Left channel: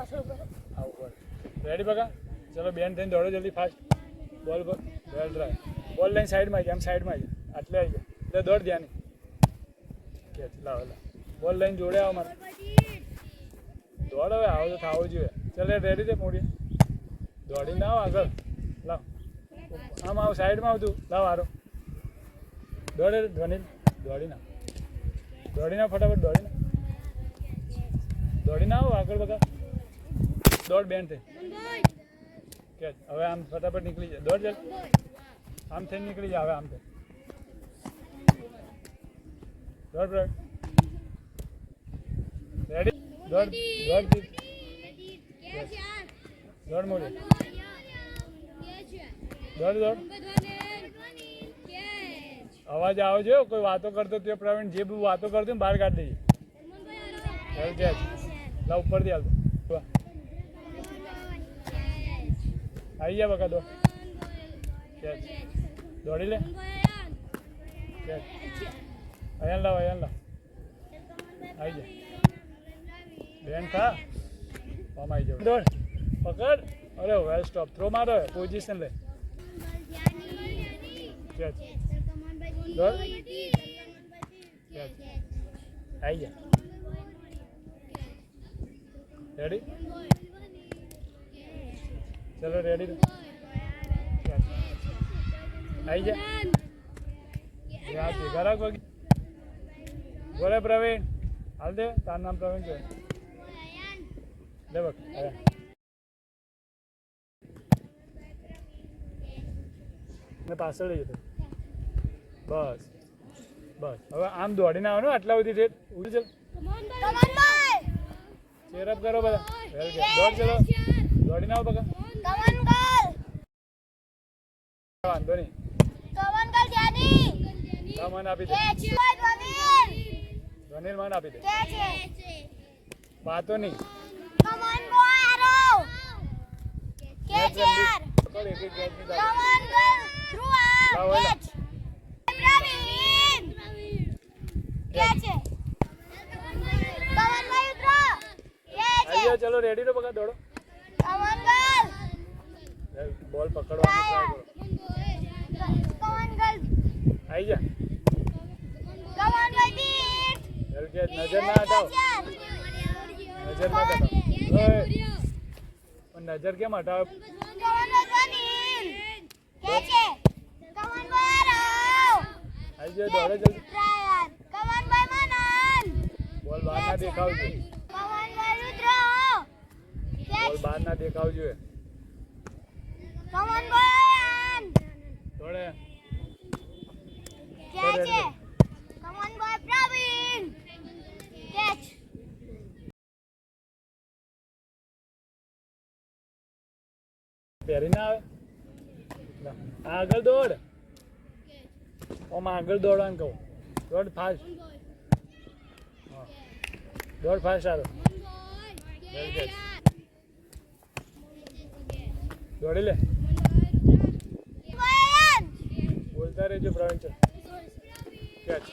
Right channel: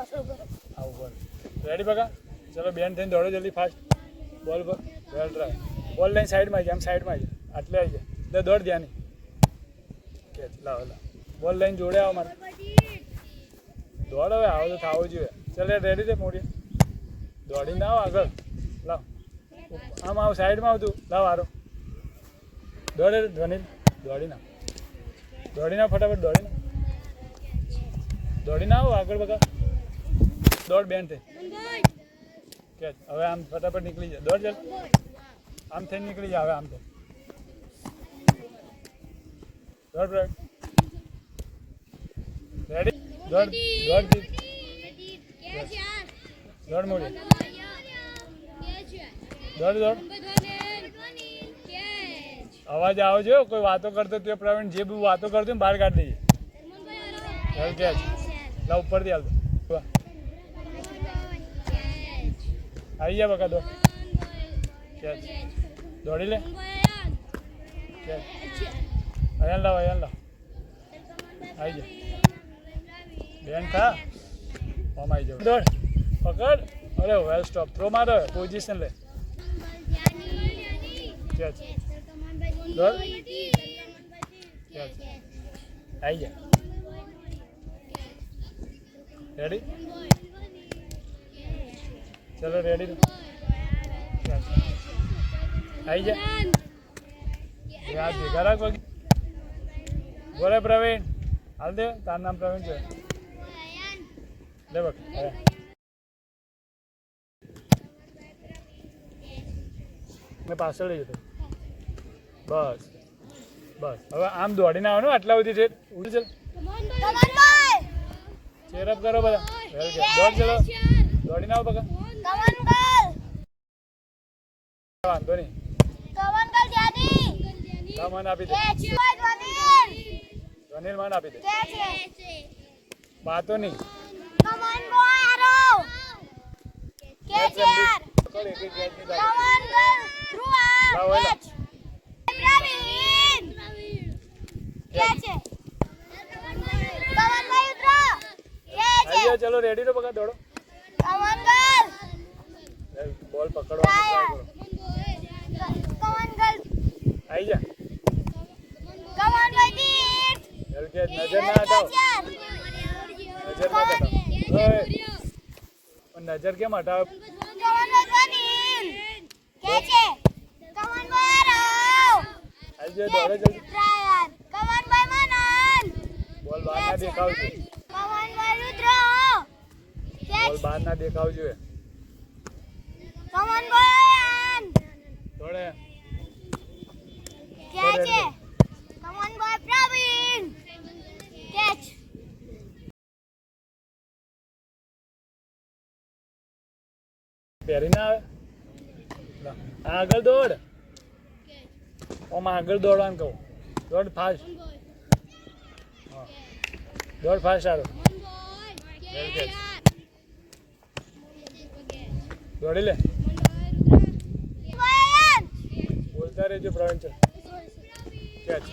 આવું બોલ રેડી બકા ચલો બેન થઈને દોડો જલ્દી ફાસ્ટ બોલ પર બોલ ટ્રાય બોલ લઈને સાઈડમાં આવી આમ સાઈડમાં આવી આટલે આવી જાય એટલે દોડ ધ્યાન કે લાવ લાવ બોલ લઈને જોડે આવો મારે દોડ હવે આવો તો થવું જોઈએ ચાલે રેડી છે મોડી દોડી ના આવો આગળ લાવ આમ આવ સાઈડમાં આવતું લાવ હારો દોડે ધ્વનિ દોડી ના ફટાફટ દોડી ના આવો આગળ બકા દોડ બેન થઈ કે હવે આમ ફટાફટ નીકળી જાય દોડ ચાલ આમ થઈને નીકળી જાય હવે આમ થઈ દોડ રેડી દોડ મોડી દોડ અવાજ આવો જો કોઈ વાતો કરતો તે પ્રવીણ જે બી વાતો કરતો ને બહાર કાઢી દઈએ ચાલ લા ઉપરથી હાલ આવી જા બકા દો દોડી લે અયાન લાવ આવી જા બેન થા આમ આવી જાવ દોડ પકડ અરે વેલ સ્ટોપ થ્રો મારો પોઝિશન લે કેચ દોડ કેચ આવી જા રેડી ચલો રેડી આવી જા યાદ ભેગા રાખ બોલે પ્રવીણ હાલ દે તારું નામ પ્રવીણ છે લે બક મેં પાછળ લઈ જતો બસ બસ હવે આમ દોડીને આવવાનું આટલા સુધી છે ઉડી ચાલ ચેરઅપ કરો બધા દોડ ચલો દોડીને આવો બકા વાંધો નહીં મન આપી દે ધ્વનિલ મન આપી દે બાતો નહીં ચલો રેડી તો બકા દોડો બોલ પકડવાનો ટ્રાય કરો આવી જા નજર ના હટાવ નજર મત હટાવ નજર કેમ હટાવ આવી જાય દોડે જલ્દી બોલ બહાર ના દેખાવ જોઈએ બોલ બહાર ના દેખાવ જોઈએ દોડે પહેરી ના આવે આગળ દોડ ઓમ આગળ દોડવાનું કહું દોડ ફાસ્ટ દોડ ફાસ્ટ સારું દોડી લે બોલતા રહેજો પ્રવીણ છે કેચ